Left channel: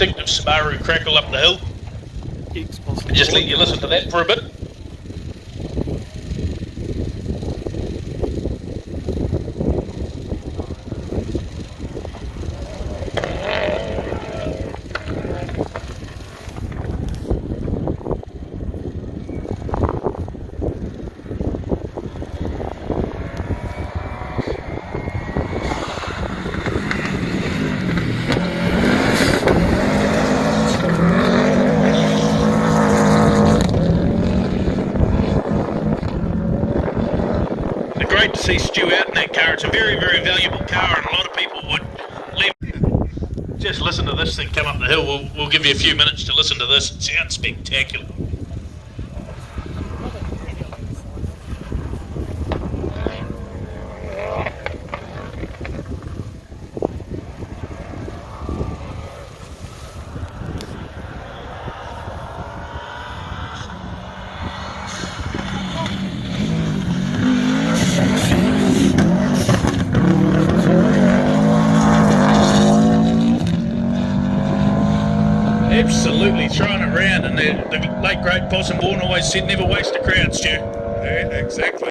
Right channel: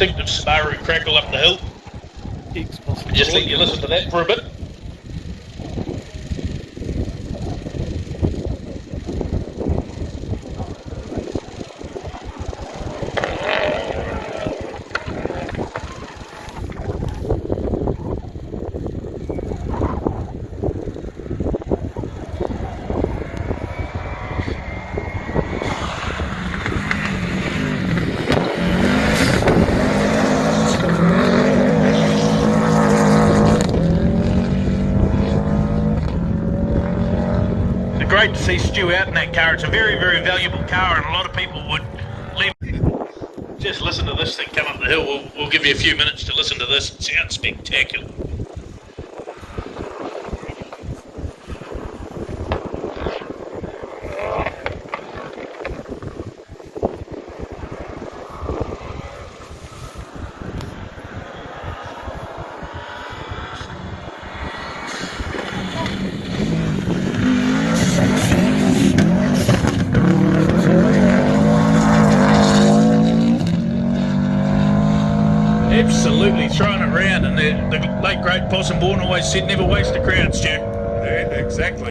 distinctive Subaru crackle up the hill. And just let you listen to that for a bit. Great to see Stu out in that car. It's a very, very valuable car, and a lot of people would leave. Just listen to this thing come up the hill. We'll give you a few minutes to listen to this. It sounds spectacular. Absolutely throwing it around, and the late great Possum Bourne always said never waste a crowd, Stu. Yeah, exactly.